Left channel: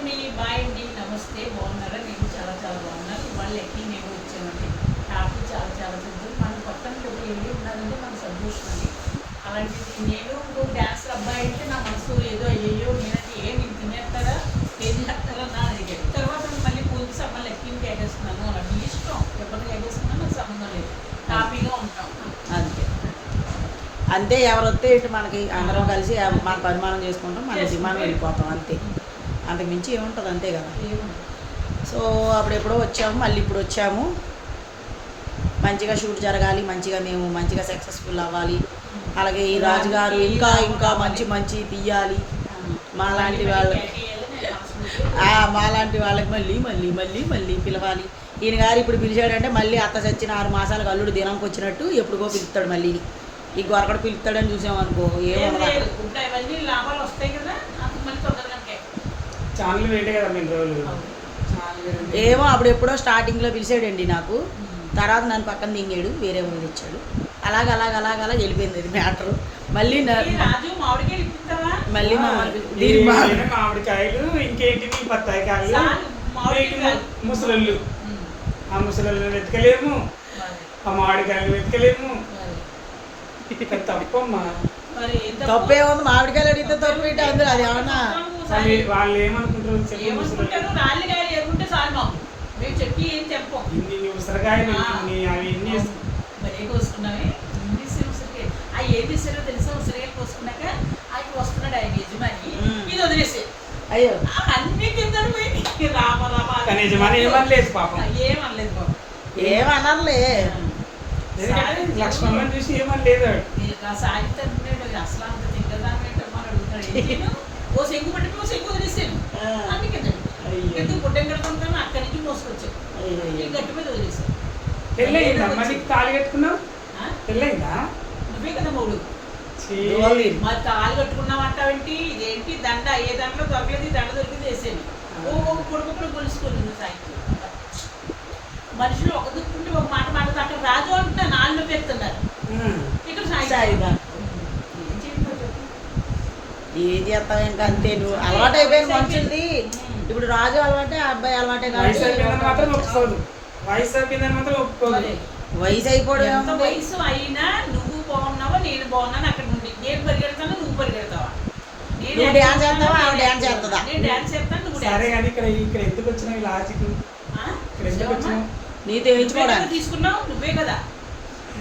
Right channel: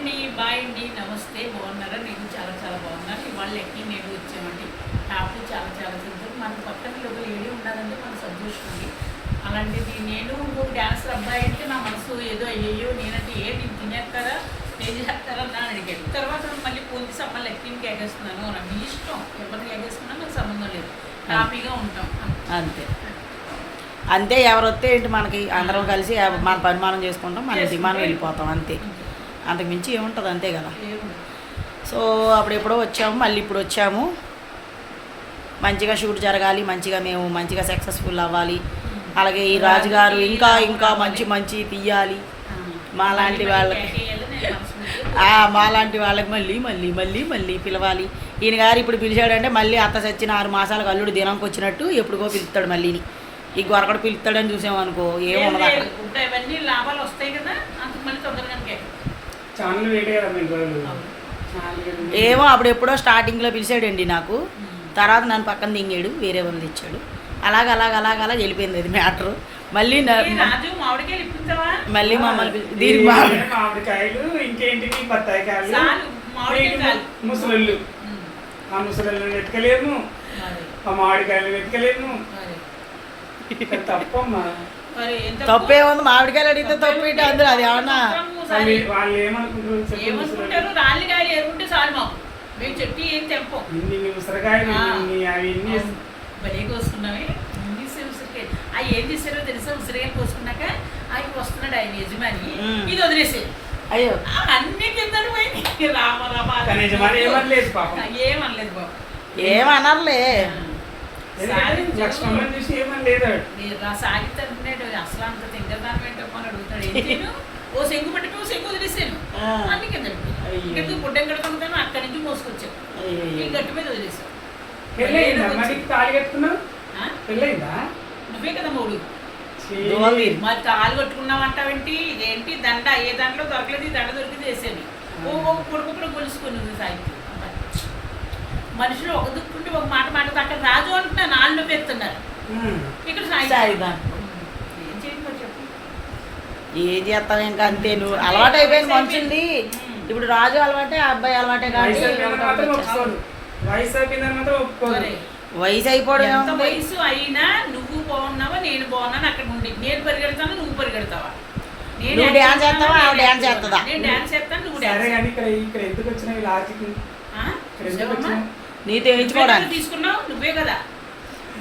అండి, బాయ్ అండి, నమస్తే. బాగున్నారా? నేను చాలా చాలా బాగున్నాను. ఇవాళ ఎక్కి నేను వచ్చామండి. నాకు చాలా చాలా సంతోషం. మన పక్కన ఒక లేడీ ఉన్నదంటే మన సంతోషం అండి. అలాంటిది నేను డ్యాన్సర్ అబ్బాయి అంటే నా మనసు ఏదో అయ్యో నేనంటే ఏమి తినేస్తారా ఏం చేస్తారా నా అడిగాడు. తర్వాత మళ్ళీ పోలీసు అమ్మ లెక్కింగ్ ఎగేస్తున్నాను మీ ఇష్టం, ఎవరిని ఎగేసుకున్నా నాకు సంబంధం లేదు, హ్యాపీగా ఉంటాం అంతే అంతే. ఎవరు వస్తే ఏంటి మనకి, అందరం కలిసి మన పరిమాణం చేసుకుంటాం, మన విమానం వెళ్ళిపోతాం అంతే. అంతకుమించి ఏముంటుంది, అంతే కదా. సో అప్పుడు ఎప్పుడో వచ్చాము, మళ్ళీ ఇప్పుడు వచ్చాము. మంచిగా షూట్ జరగాలి, మంచిగా మేము మంచిగా సక్సెస్ఫుల్ అవ్వాలి. అలాగే ఈ రాజుగారు ఇంకా ఇంకా మంచి మంచి తీయాలి మాలాంటి వాళ్ళకి. మాలాంటి వాళ్ళకి మళ్ళీ మళ్ళీ మళ్ళీ మళ్ళీ పిలవాలి. ఈయన గారు ఇప్పుడు పిలిచాడంటే మళ్ళీ అత్త చచ్చిన 6 మాసాలకు అల్లుడు దినంకి వచ్చినట్టు ఎప్పుడుకో పిలుస్తాడు. మళ్ళీ ఈ గొరకడు పిలుస్తాడని చూసామనుకో ఏముండదు అక్కడ. ఏమో అప్పుడు ఎప్పుడో స్టార్టింగ్లో పిలిచాడండి నాకు, తర్వాత నన్ను పక్కన దింగాడు, వేరే వాళ్ళు ఇచ్చాడు. అలాగ వెళ్ళిపోయింది అది మ్యాటరు. మళ్ళీ మళ్ళీ మమ్మల్ని దీనికి మామిడికాయలు ఇంకేంటి బత్తాయికాయలు ముసలు ఆ ముసలు వెతకలేము, ఆ మామిడికాయలు వెతకలేము. తప్పమ్మా, తప్పేముంది, మామిడికాయలు అడిగితే తప్పు ఏంటి అందరూ. అది ఏమన్నా వాళ్ళు ఏమనుకుంటారు, రాళ్ళకాయలు ఏముంటే చాలు మాకు, మేము చెప్పి ఏం తెంపం. ఉసిరికాయలు అవి మరీ కోసుకున్నామే ఉసిరికాయలు. అవి ఏం తీసారో తెలుసా? ఉసిరికాయలు కోసుకున్నాక అవి వస్తున్నాడు ఆయన యజమాని, ఇది వదిలేసి అయ్యో అన్ని కింద పోయి రామ రామ ఏమనలేదు బాబు, ఏమనర్లే. లక్ష్మణ్ చూసి ఏమనలేదు. సాగితాడు అసలు అంత తింగదాన్ని పెట్టమని అడుగుతాడు. ఓ సెంగు పట్టుకు ఓ సెంగు వదిలేసాను అన్ని కింద ఎందుకు గుడ్డం కడుకుంటాను అక్కడి నుంచి మోసుకొచ్చాను, గట్టు మీద వదిలేసాను. తాళి కట్టుకున్నావు, పెళ్ళయిందా? నువ్వే కదా మూడు మరి తాళి కట్టుకున్నావు అంటావేంటి? ఏంటి దండ ఏ దాంట్లో దొరకలేదు, ఈ దండ దొరికింది వేసేది. ఓ కొడుకు గొలుసుకుని సాహిత్యం మనుషులు ఒక దుక్కుంటే ఒక మాట మాట అక్కడ రాజు అంటున్నా నాలుగు పెడుతున్నారు, ఇక్కడ సాయిదా ఏం చేస్తావు ఇంకా అంతే. నువ్వు అలవాటు అయిపోయింది మనుషుల్ది. ఇప్పుడు రాజు అలవాటే, అబ్బాయి అలవాటే. కాబట్టి వయసు అయిపోవడం, వయసు అయినా నువ్వు బాగున్నావా నేను బాగున్నాను అక్కడ నుండి. నేను పరిగెడతాను, నువ్వు పరిగెడతావా? నేను డ్యాన్స్ చేస్తావా, ఆవిడ డ్యాన్స్ చేస్తుందా? నేను డ్యాన్స్ చేస్తాను, నువ్వు ఇక్కడ ఎందుకు వచ్చినాయి లాజిక్? నీతో వేయించుకోవడానికి తీసుకున్నావు నువ్వే కదా.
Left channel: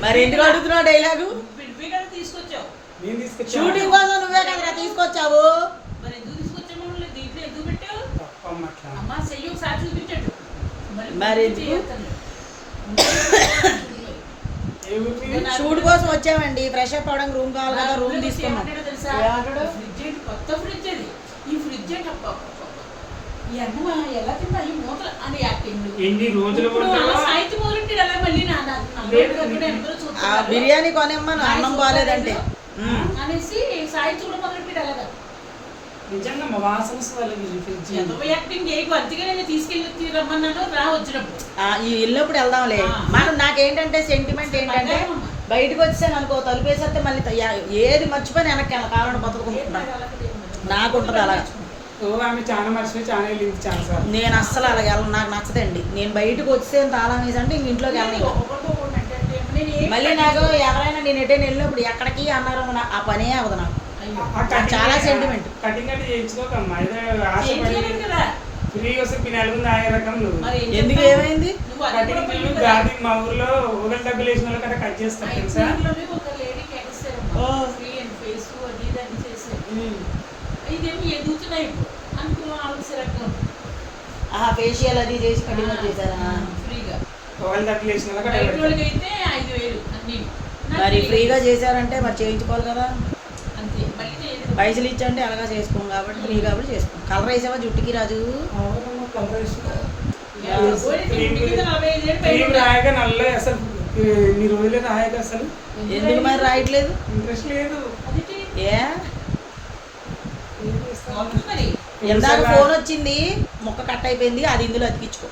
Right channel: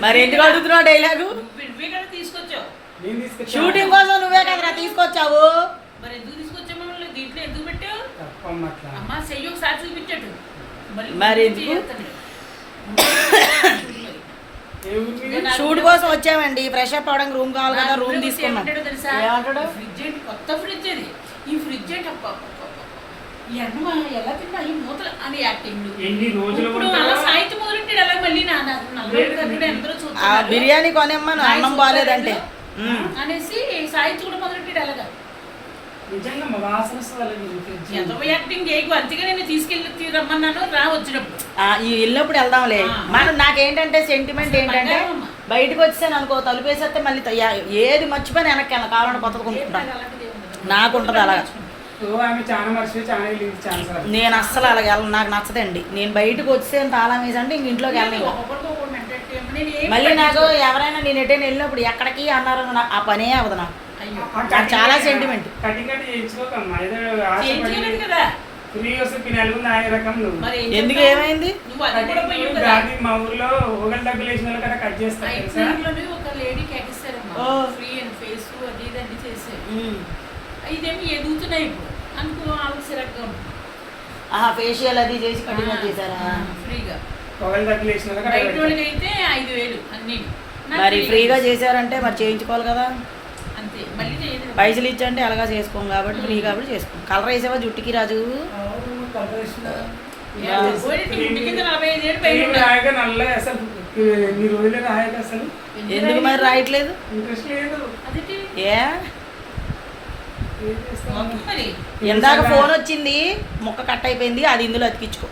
మరి ఎందుకు అడుగుతున్నావు డైలాగు? నువ్వే కదా తీసుకొచ్చావు, షూటింగ్ కోసం నువ్వే కదరా తీసుకొచ్చావు. మరి ఎందుకు తీసుకొచ్చావు? దీంట్లో ఎందుకు పెట్టావు? అమ్మ చెయ్యి ఒకసారి చూపించాడు. మరి షూట్ కోసం వచ్చామండి, ఫ్రెష్ అప్ అవడానికి రూమ్ కావాలి కదా, రూమ్ తీసుకున్నాం. ఫ్రిడ్జ్ కొత్త ఫ్రిడ్జ్ అది. ఈ ఫ్రిడ్జ్ ఎలా తింటా ఈ మూతలు అని యాక్టింగ్. సాహిత్యం మొదలెట్టాడు అలా మళ్ళీ బిర్యానీ కొనేమ్మను అన్నం బాగాలేదంటే అనేసి సాహిత్యం కూడా మొదలెట్టాడు అలాగా. యాక్టింగ్ చేయకు, అంతగా నేను తీసుకెళ్ళి రమ్మన్నాను రా వచ్చినప్పుడు. ఈ వెళ్ళినప్పుడు వెళ్దాంలే. మనం నాకేంటంటే సెంటిమెంట్ ఏంటంటే బయటకు వచ్చాను అనుకో, తలుపేసేస్తే మళ్ళీ ఏది మర్చిపోయి వెనక్కి వెళ్ళ కావాలని బతుకుంటున్నా నాకుంటుంది అలాగా. నేను అస్సలు అలాగ వెళ్ళను, నాకు నచ్చదండి. నేను బయటకు వచ్చే తాళం వేసి అంటే ఇంక ఇంట్లోకి వెళ్ళను. మళ్ళీ నాకు ఎవరైనా నేను ఎటైనా వెళ్ళినప్పుడు ఎక్కడికి అన్నారు ఆ పనే అవ్వదు నాకు. చాలా సెంటిమెంట్. ఎందుకు ఏమైంది? మా ఊర్లో ఊగల డబ్బులు వేసిన వాళ్ళు కట్ చేస్తారు. ఇదేమి ఎదుగుతున్నాయి ఇప్పుడు అనుకో ఆలోచనగా. ఫేషియల్ అది చేసి కటింగ్ చేశారా ఫ్రీగా? అయితే 5,000 అన్ని. మరి ఫ్రీగా చేశారంటే మరి చేయించుకోవాలి కదా. అంతే, మళ్ళీ పైసలు ఇచ్చండి అలాగా చేసుకోం కాబట్టి ఫ్రీ కాబట్టి చేసుకోం. కలర్ వేసావా జుట్టుకి రాజు? ఎందుకు మరి రాయట్లేదు? ఏ ఎందాక ఫోన్ వచ్చింది, ముక్క కట్ అయిపోయింది, అది ఇందులో అతికించుకో.